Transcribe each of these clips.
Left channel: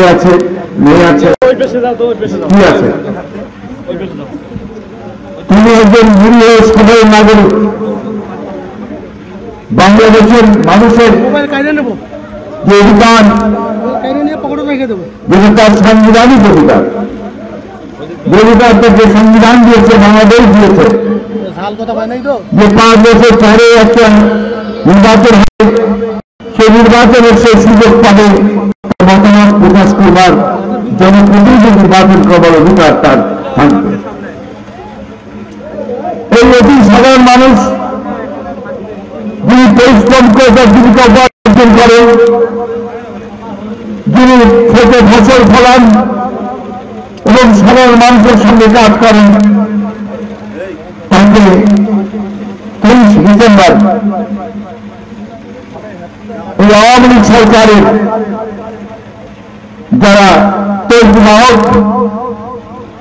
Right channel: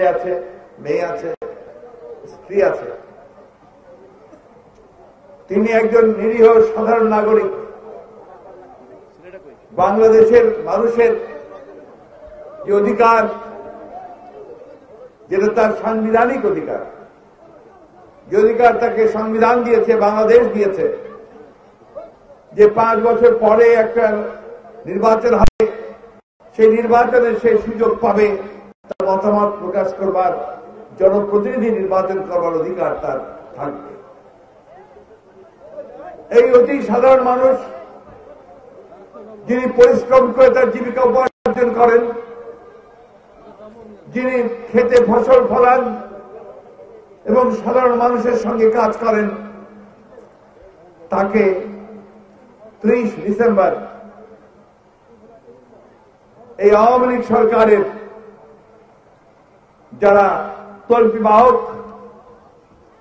ছেলে আছে, মেয়ে আছে, কি আছে? তিনি একজন নিরীহ সাধারণ নাগরিক। বাংলাদেশের মানুষের যে অধিকার, তার সাংবিধানিক অধিকার, অধিকার থেকে সংবিধান দিয়েছে, বাংলাদেশ দিয়েছে যে 5 বছর পরে একটা নির্বাচন হবে, সেই নির্বাচনের সেই সুযোগ পাবে মতামত প্রকাশ করবার, জনপ্রতিনিধি নির্বাচন করবার অধিকার তার থাকবে। এই অতি সাধারণ মানুষ যিনি পরিশ্রম করে তার জীবিকা উপার্জন করেন, যিনি খেতে ফসল ফলান এবং সাধারণ মানুষের সঙ্গে কাজ করেন, তাকে 23 ডিসেম্বর এই আওয়ামী লীগ সরকারের যারা তৈরিবাহক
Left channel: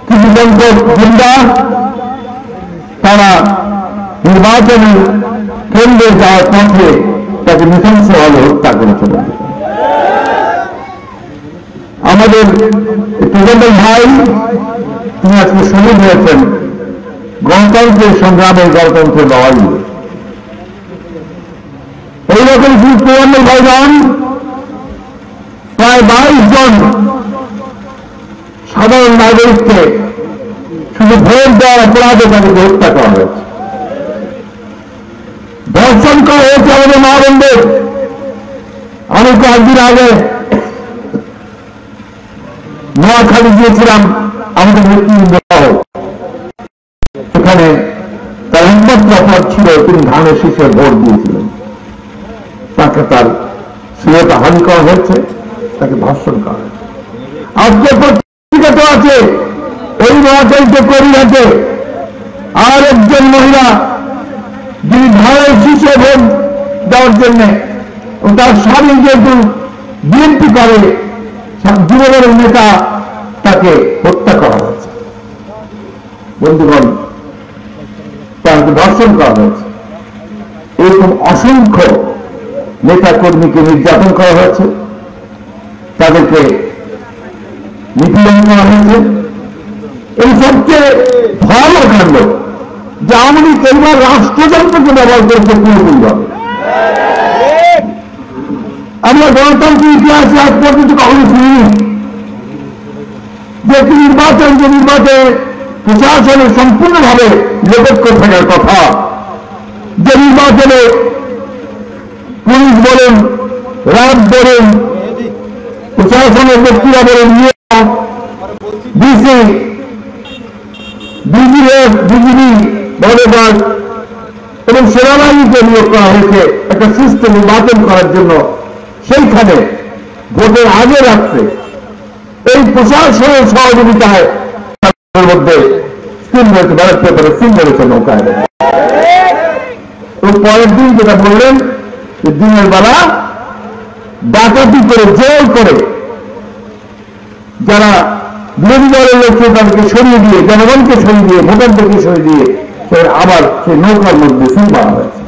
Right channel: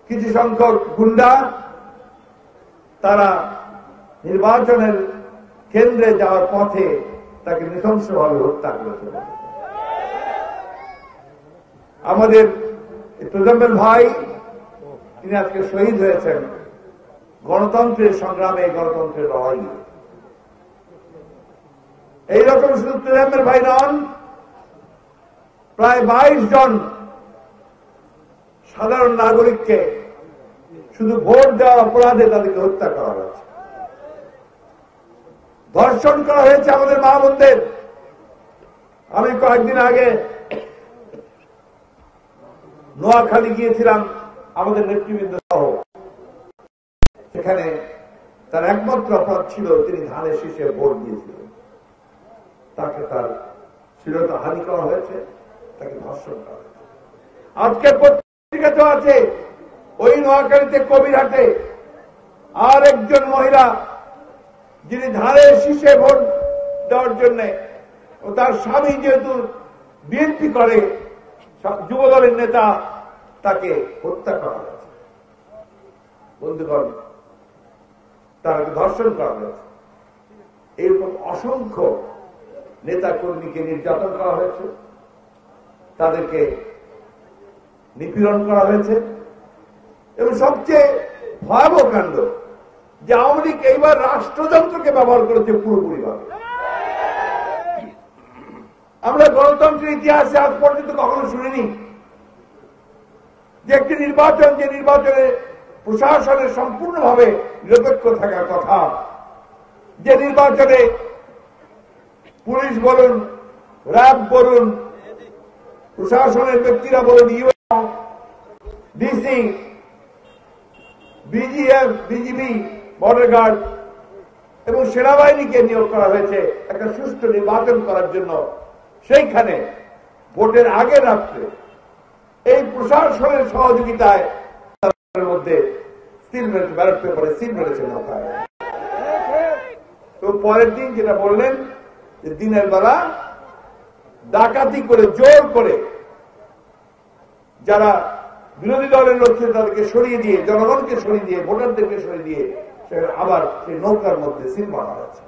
কিছু সংখ্যক গুন্ডা, তারা নির্বাচনের কেন্দ্রে যাওয়ার পথে তাকে নৃশংসভাবে হত্যা করেছিল। আমাদের তৃণমূল ভাই তিনি আজকে শহীদ হয়েছেন গণতন্ত্রের সংগ্রামে, গণতন্ত্রের লড়াই। এইরকম শুধু তৃণমূল ভাই নন, প্রায় 22 জন সাধারণ নাগরিককে শুধু ভোট দেওয়ার অপরাধে তাদেরকে হত্যা করা হয়েছে, ধর্ষণ করা হয়েছে আমাদের মা বোনদের। আমি কয়েকদিন আগে নোয়াখালী গিয়েছিলাম, আমাদের নেতৃবৃন্দ সেখানে তার একমাত্র অপরাধ ছিল তিনি ধানের শীষে ভোট দিয়েছিলেন। তাকে তার শ্লীলতা হানি করা হয়েছে, তাকে ধর্ষণ করা হয়েছে। আজকে পত্রিকা তো আছে ওই নোয়াখালীতে করিঘাটে আর একজন মহিলা যিনি ধানের শীষে ভোট দেওয়ার জন্য, তার স্বামী যেহেতু বিএনপি করে, যুবদলের নেতা, তাকে হত্যা করা হয়েছে। বন্ধুগণ, তাকে ধর্ষণ করা হয়েছে। এরকম অসংখ্য নেতা কর্মীকে নির্যাতন করা হয়েছে, তাদেরকে নিপীড়ন করা হয়েছে। এই সবচেয়ে ভয়াবহ কাণ্ড যে আওয়ামী লীগ এবার রাষ্ট্রযন্ত্রকে ব্যবহার করেছে পুরোপুরিভাবে। আমরা গণতান্ত্রিক ইতিহাসে আজ পর্যন্ত কখনো শুনিনি যে একটি নির্বাচন, যে নির্বাচনে প্রশাসনের সম্পূর্ণভাবে নিরপেক্ষ থাকার কথা, যে নির্বাচনে পুলিশ বলেন, র্যাব বলেন, প্রশাসনের ব্যক্তিরা বলেন, ডিসি, বিজিএফ, বিজিবি, বর্ডার এবং সেনাবাহিনীকে নিয়োগ করা হয়েছে একটা সুষ্ঠু নির্বাচন করার জন্য। সেইখানে ভোটের আগে রাত্রে এই প্রশাসনের সহযোগিতায় মধ্যে সিল রয়েছে, ব্যালট পেপারে সিল রয়েছে নৌকায়। এবং পরের দিন যেটা বললেন যে দিনের বেলা ডাকাতি করে, জোর করে যারা বিরোধী দলের লোক তাদেরকে সরিয়ে দিয়ে, জনগণকে সরিয়ে দিয়ে, ভোটারদেরকে সরিয়ে দিয়ে আবার সেই নৌকার মধ্যে সিল মারা হয়েছে।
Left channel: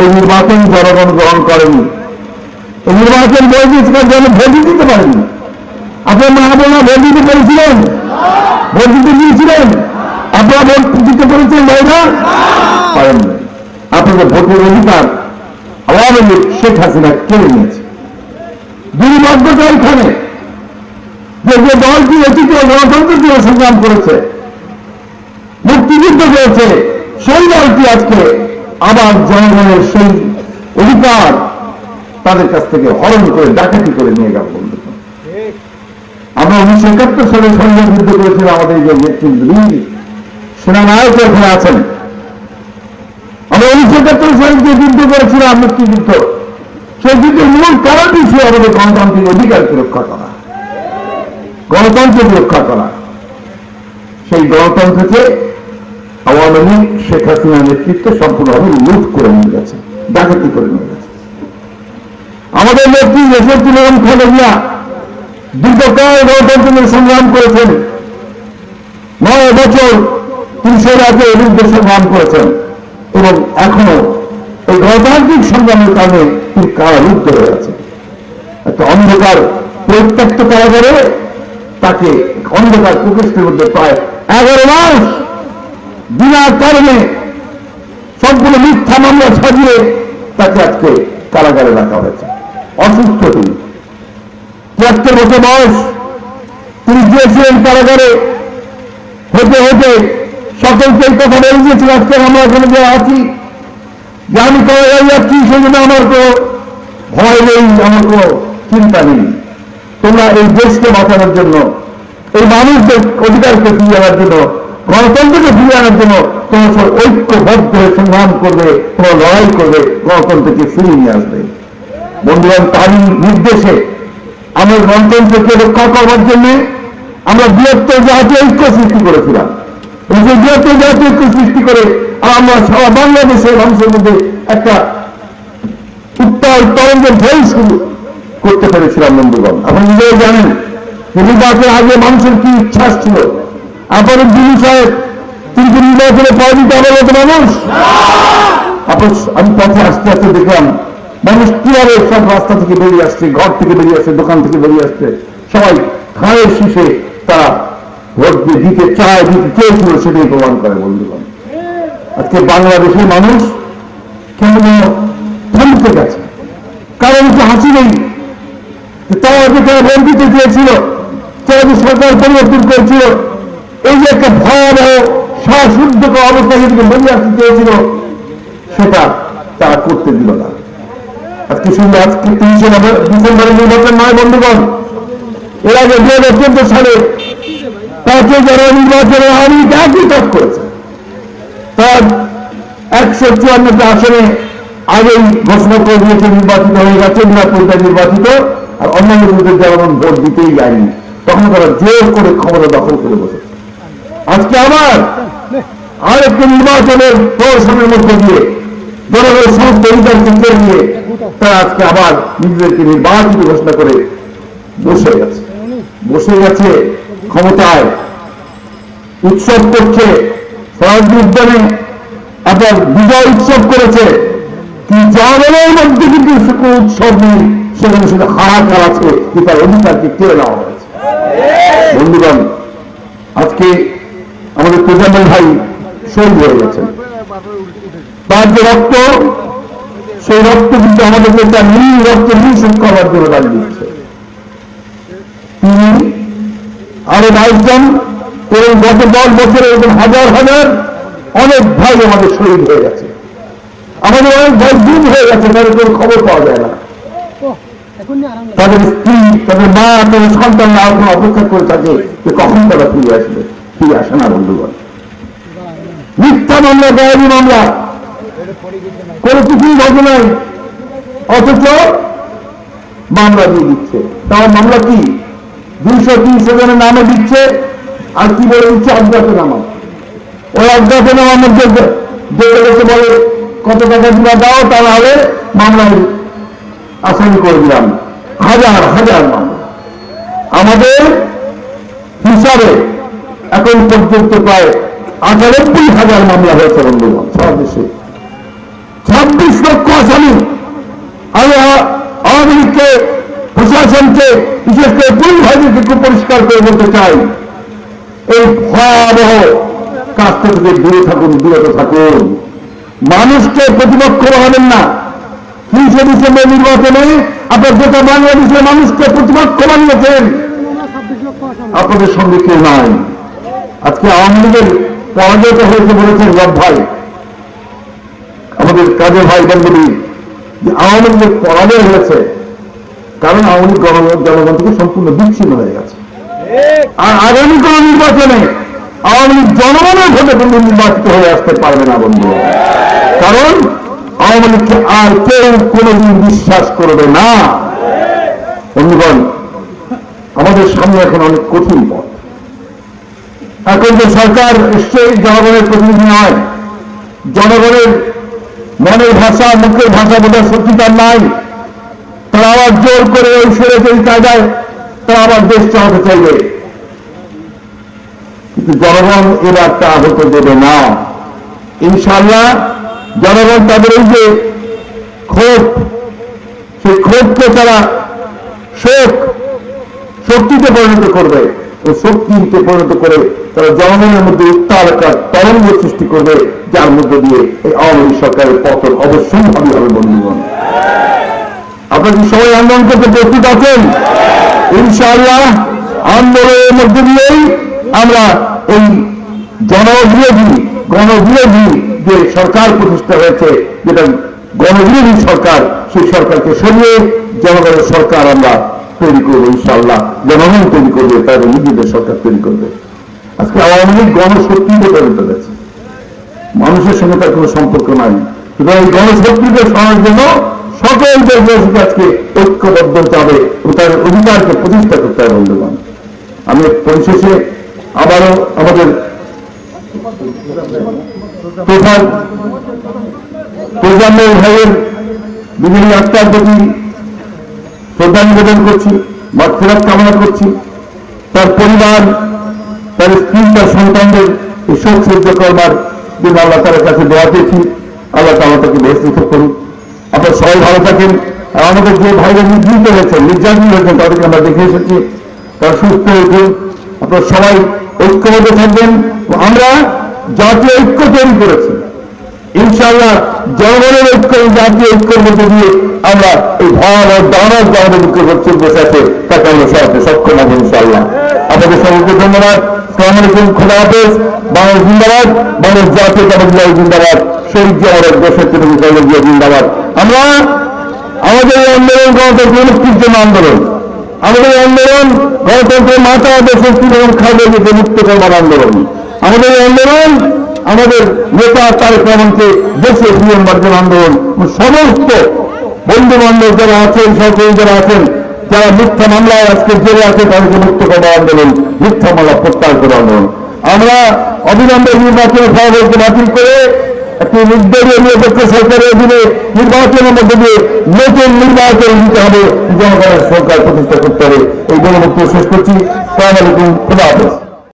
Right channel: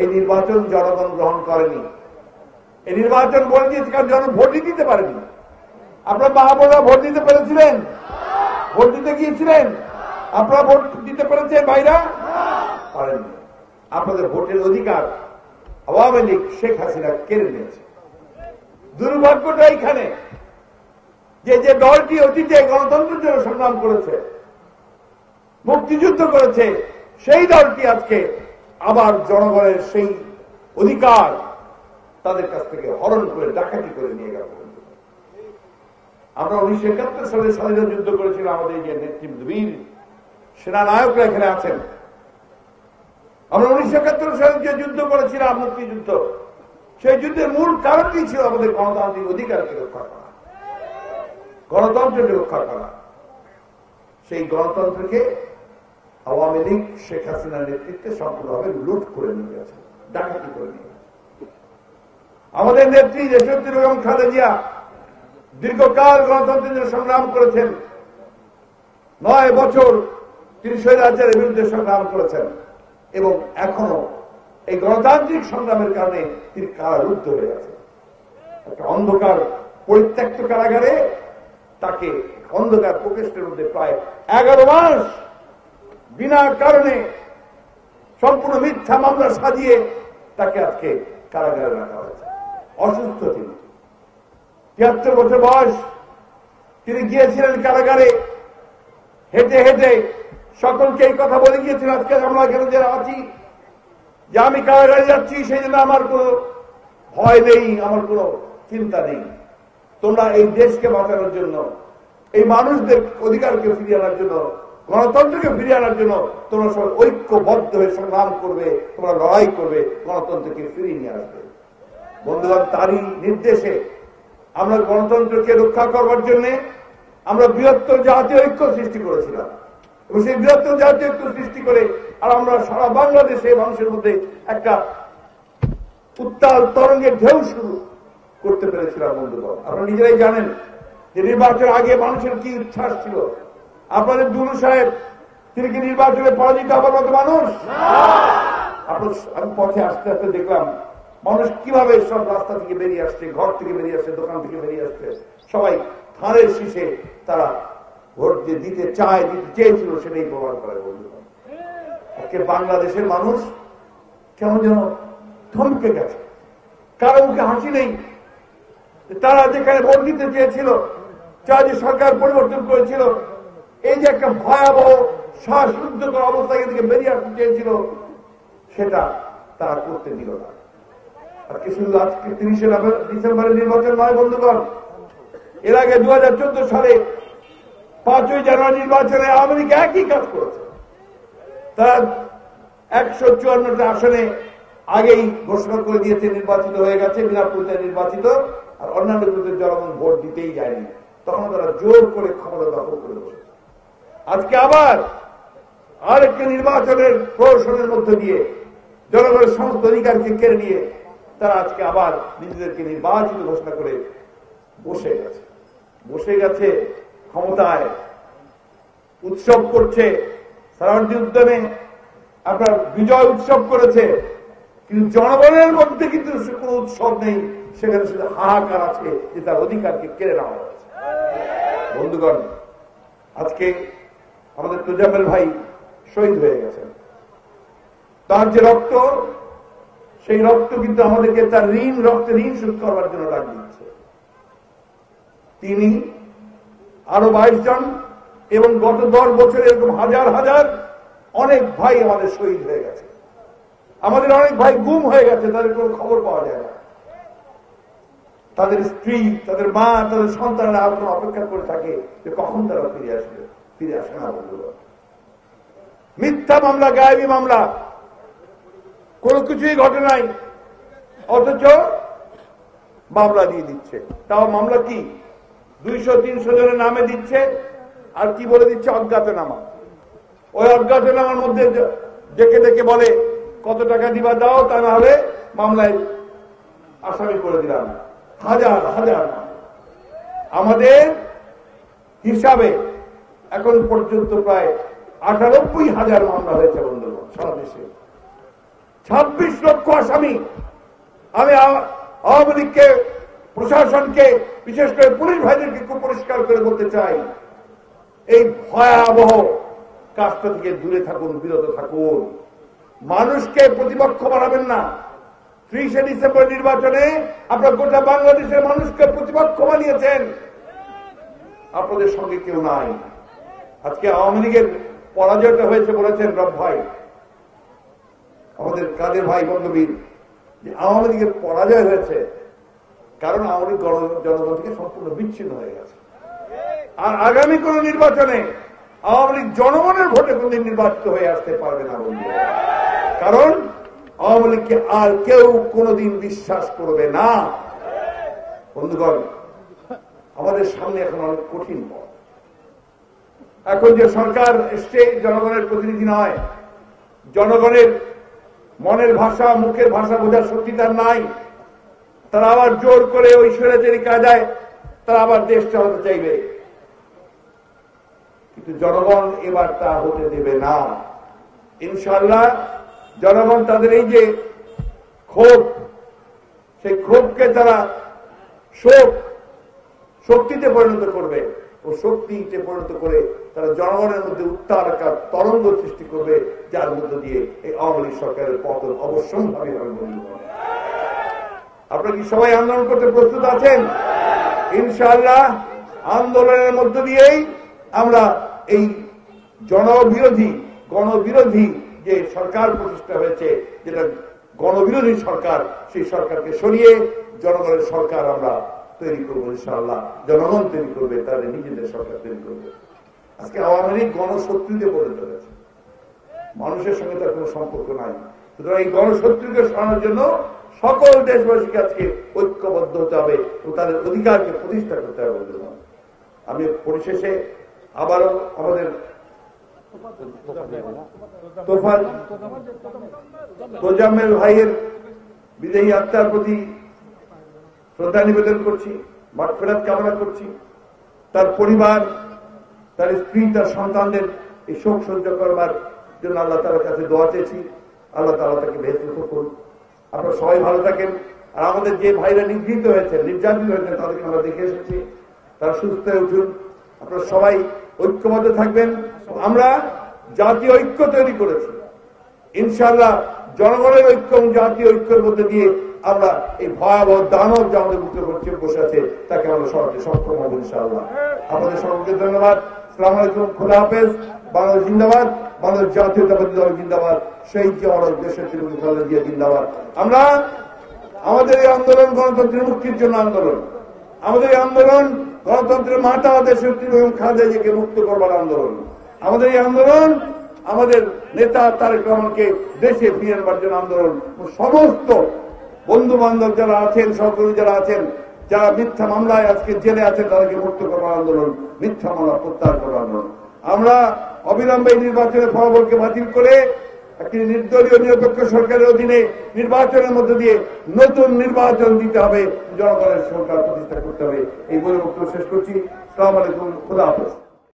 এই নির্বাচন জনগণ গ্রহণ করেনি। এই নির্বাচন বৈদিকের জন্য ভোট দিতে পারেনি। আপনার মা বোনা ভোট দিতে পেরেছিলেন? ভোট দিতে গিয়েছিলেন? আপনারা ভোট দিতে পেরেছেন ভাইরা? পারেননি। আপনাদের ভোটের অধিকার আওয়ামী লীগ শেখ হাসিনা কেড়ে নিয়েছে। দুর্ভাগ্যতা এখানে যে যে দলটি অতীতে গণতন্ত্রের জন্য সংগ্রাম করেছে, মুক্তিযুদ্ধ করেছে, সেই দলটি আজকে আবার জনগণের সেই অধিকার তাদের কাছ থেকে হরণ করে, ডাকাতি করে নিয়ে গেল। আমরা 1971 সালে সংগ্রাম যুদ্ধ করেছিলাম। আমাদের যে নেতৃবৃন্দ, সেনানায়ক এখানে আছেন, আমরা 1971 সালে যে যুদ্ধ করেছিলাম, মুক্তিযুদ্ধ, সেই যুদ্ধের মূল কারণই ছিল আমাদের গণতান্ত্রিক অধিকারকে রক্ষা করা, গণতন্ত্রকে রক্ষা করা। সেই গণতন্ত্রকে আওয়ামী লীগ শেখ হাসিনার নেতৃত্বে সম্পূর্ণভাবে লুট করে নিয়ে গেছে, ডাকাতি করে নিয়ে গেছে। আমাদের নেত্রী দেশনেত্রী বেগম খালেদা জিয়া দীর্ঘকাল গণতন্ত্রের সংগ্রাম করেছেন। 9 বছর তিনি স্বৈরাচারের বিরুদ্ধে সংগ্রাম করেছেন এবং এখনো এই গণতান্ত্রিক সংগ্রামের কারণে তিনি কারারুদ্ধ হয়ে আছেন। একটা অন্ধকার পরিত্যক্ত কারাগারে তাকে অন্ধকার প্রকৃষ্টের মধ্যে প্রায় 11 মাস বিনা কারণে সবগুলো মিথ্যা মামলা সাজিয়ে তাকে আজকে কারাগারে রাখা হয়েছে। অসুস্থ তিনি, 73 বছর বয়স, তিনি গিয়েছিলেন কারাগারে। হতে হতে সকলকে এই কথা বলে দিয়েছিল, আজকে আমরা এখানে যে আছি, যে আমি কারাগারে যাচ্ছি, সেই জন্য আমার কোনো ভয় নেই, আমার কোনো চিন্তা নেই। তোমরা এই দেশকে বাঁচানোর জন্য, এই মানুষদের অধিকারকে ফিরিয়ে আনার জন্য, গণতন্ত্রকে ফিরিয়ে আনার জন্য তোমরা সব ঐক্যবদ্ধ হয়ে সংগ্রাম করবে, তোমরা লড়াই করবে, গণতন্ত্রকে ফিরিয়ে নিয়ে আসবে। বন্ধুগণ, তারই নির্দেশে আমরা গণতন্ত্রকে রক্ষা করবার জন্য আমরা বৃহত্তর জাতীয় ঐক্য সৃষ্টি করেছিলাম। এবং সেই বৃহত্তর জাতীয় ঐক্য সৃষ্টি করে আমরা সারা বাংলাদেশের মানুষের মধ্যে একটা উত্তাল তরঙ্গের ঢেউ শুরু করতে পেরেছিলাম। বন্ধুগণ, আপনি নিজেও জানেন নির্বাচনের আগে মানুষের কি ইচ্ছা ছিল। আপনার দিনু সাহেব, তিনি কি নির্বাচনে পরাজিত হওয়ার মতো মানুষ? আমি পথে আস্তে আস্তে দেখলাম মানুষ কিভাবে সব রাস্তা থেকে বেরিয়ে আসছে, ঘর থেকে বেরিয়ে আসছে, দোকান থেকে বেরিয়ে আসছে, সবাই ঘাড়ের শীষে তারা ভোট দিয়ে দিতে চায়, দিতে চেয়েছিল, সেটাই প্রমাণ করে। বন্ধুগণ, আজকে বাংলাদেশের মানুষ কেমন থমকে গেছে, কারণ তো হাসি নেই। তারা যেখানে ভোট দিতে চেয়েছিল, তারা যে সরকার পরিবর্তন করেছিল, এই যে একটা ভয়াবহ শ্বাসরুদ্ধকর অবস্থা যেদিকে বেরিয়ে আসতে চেয়েছিল, সেটা তারা করতে দিল না। আজকে শুনলে আজকে 30 ডিসেম্বরে নির্বাচন নয় বন্ধুগণ, এর আগে 2014 সালে 5 জানুয়ারি নির্বাচনে আওয়ামী লীগ একই কাজ করেছে। তার 154টা আসনে আগেই ঘোষণা করে দিয়েছে নির্বাচিত হয়ে গেছে, বিনা নির্বাচিত, আর অন্যান্য বিরুদ্ধে জনগণ ভোট দিতেই যায়নি। তখন তারা জোর করে ক্ষমতা দখল করে বসেছে। আজকে আবার আরেকটি নির্বাচনের প্রহসনের মধ্যে দিয়ে জনগণের সমস্ত অধিকারকে কেড়ে নিয়ে তারা আজকে আবার নিজেদেরকে নির্বাচিত ঘোষণা করে বসে গেছে ক্ষমতায়, উৎসব করছে। সরাসরি উদ্যানে আপনার বিজয় উৎসব করেছে, কি জনগণের মধ্যে কিন্তু কোনো উৎসব নেই, সেখানে শুধু হাহাকার আছে কি তার অধিকারকে কেড়ে নেওয়া হয়েছে। বন্ধুগণ, আজকে আমাদের প্রজন্ম ভাই শহীদ হয়ে গেছেন, তার যে রক্ত, সেই রক্ত কিন্তু আমাদেরকে তার নীল রক্ত নিঃশোধ করার জন্য দাঁড়িয়ে দিচ্ছে। তিনি আরো 22 জন এবং গত 10 বছরে এরকম হাজার হাজার অনেক ভাই আমাদের শহীদ হয়ে গেছে। আমাদের অনেক ভাই গুম হয়ে গেছে, তাদের কোনো খবর পাওয়া যায় না। তাদের স্ত্রী, তাদের মা, তাদের সন্তানরা এখন অপেক্ষা করে থাকে যে কখন তারা ফিরে আসবে। ফিরে আসে না বন্ধুগণ। মিথ্যা মামলা, গায়েবী মামলা, কোনো কিছুই ঘটনাই, অথচ মামলা দিয়ে দিচ্ছে। তার মামলা কি 200-300 জনের নামে দিচ্ছে, আর কি বলে দিচ্ছে অজ্ঞাতনামা। ওই অজ্ঞাতনামার মধ্যে দৌড়ে গেছে বলে কত টাকা দিবা দাও, তাহলে মামলায় আসামি করে দিলাম। হাজার হাজার মামলা আমাদের হিসাবে এখন পর্যন্ত প্রায় 98,000 মামলা হয়েছে বন্ধুগণ সারা দেশে। 26 লক্ষ আসামি। আমি আওয়ামী লীগকে, প্রশাসনকে, বিশেষ করে পুলিশ ভাইদেরকে খুব পরিষ্কার করে বলতে চাই, এই ভয়াবহ কাজ থেকে দূরে থাকুন, বিরত থাকুন। মানুষকে প্রতিপক্ষ বানাবেন না। 30 ডিসেম্বর নির্বাচনে আপনার গোটা বাংলাদেশের মানুষকে প্রতিপক্ষ বানিয়েছেন, আপনাদের সঙ্গে কেউ নাই। আজকে আওয়ামী লীগের পরাজয়টা হয়েছে বলেছেন রব ভাই, আমাদের কাজের ভাই বন্ধুবী, যে আওয়ামী লীগের পরাজয় হয়েছে কারণ আওয়ামী লীগ জনগণ থেকে সম্পূর্ণ বিচ্ছিন্ন হয়ে গেছে। আর আগামী কোন নির্বাচনে আওয়ামী লীগ জনগণের ভোটে কিন্তু নির্বাচিত হয়ে আসতে পারবে না বন্ধু, কারণ আওয়ামী লীগকে আর কেউ কোনদিন বিশ্বাস করবে না। বন্ধুগণ, আমাদের সামনে এখন অনেক কঠিন পথ। এখন যে সরকার এসছে জনগণের প্রতিনিধি নয়, জনগণের মনের ভাষা, মুখের ভাষা বোঝার সত্যিকার নাই। তারা আবার জোর করে ওই সরেজের কায়দায় তারা আবার দেশ চালাতে চাইবে, কিন্তু জনগণ এবার তা হতে দেবে না। ইনশাআল্লাহ জনগণ তাদের এই যে ক্ষোভ, সেই ক্ষোভকে তারা শোক শক্তিতে পরিণত করবে, ওই শক্তিতে পরিণত করে তারা জনগণের মধ্যে উত্তাল একটা তরঙ্গ সৃষ্টি করবে, যার মধ্যে দিয়ে এই আওয়ামী লীগ সরকারের পতন অবশ্যম্ভাবী হবে। বন্ধুগণ, আপনারা কি সবাই আন্দোলন করতে প্রস্তুত আছেন? ইনশাআল্লাহ আন্দোলনের মধ্যে দিয়েই আমরা এই গণবিরোধী যে সরকার প্রতিষ্ঠা হয়েছে, যেটা গণবিরোধী সরকার, সেই সরকারকে সরিয়ে জনগণের সরকার আমরা তৈরি করবো। ইনশাআল্লাহ জনগণ তৈরি করবে, তাদের নিজেদের সরকার তৈরি করবে। আজকে আওয়ামী লীগ গণশক্তিতে পরিণত হয়েছে, মানুষের সঙ্গে তার কোনো সম্পর্ক নাই। সুতরাং এই গণশক্তিকে সরানোর জন্য সকল দেশবাসীকে আজকে ঐক্যবদ্ধ হতে হবে ও তার অধিকারকে প্রতিষ্ঠা করতে হবে। বন্ধুগণ, আমি পরিশেষে আবারও আমাদের প্রধান ভাইয়ের বিভিন্ন আত্মার প্রতি শ্রদ্ধা নিবেদন করছি, মাগফিরাত কামনা করছি। তার পরিবার, তার স্ত্রী, তার সন্তানদের এই শোক সহ্য করবার জন্য আল্লাহ তাআলার কাছে দোয়া চেয়েছি। আল্লাহ তাআলা তাকে বেহেশত করুন। আপনারা সবাই ভালো থাকেন। আর আমাদের যে ভাইরা নির্যাতিত হয়েছেন তাদেরকে আমরা দেখে এসেছি, তারা সুস্থ হয়েছে। আপনারা সবাই ঐক্যবদ্ধ থাকবেন। আমরা জাতীয় ঐক্য তৈরি করেছি, ইনশাআল্লাহ জনগণের ঐক্য, জাতীয় ঐক্যের মধ্যে দিয়ে আমরা এই ভয় ও দানব আমাদের মুখে হচ্ছে বসে আছে, তাকে আমরা সরাতে সক্ষম হবো ইনশাআল্লাহ। আপনাদের সকলকে ধন্যবাদ। আসসালামু আলাইকুম, খোদা হাফেজ। বাংলাদেশ জিন্দাবাদ, বাংলাদেশ জাতীয়তাবাদী দল জিন্দাবাদ, শহীদ জিয়াউর দেশের জিয়া জিন্দাবাদ। আমরা আমাদের এই আন্দোলন গণতন্ত্র মুক্তির জন্য আন্দোলন, আমাদের এই আন্দোলন গণতন্ত্রের মাথা দেশের তৃণমূল খালেদাকে মুক্ত করবার আন্দোলন। আমাদের এই আন্দোলন আমাদের নেতা তারেক রহমানকে দেশে ফিরিয়ে আনবার আন্দোলন। সমস্ত বন্ধু বান্ধব যারা আছেন, সহকর্মী যারা আছেন, যারা মিথ্যা মামলায় আজকে জেলে আছে, তাদেরকে মুক্ত করার আন্দোলন, মিথ্যা মামলা প্রত্যাহার করার আন্দোলন। আমরা অবিলম্বে নির্বাচনের ফলাফলকে বাতিল করে একটি নির্দলীয় নিরপেক্ষ সরকারের অধীনে নির্বাচনের মধ্যে দিয়ে নতুন নির্বাচন দিতে হবে, জনগণের সরকার প্রতিষ্ঠা করতে হবে। এই গণবক্তব্য শেষ করছি। আসসালামু আলাইকুম, খোদা হাফেজ।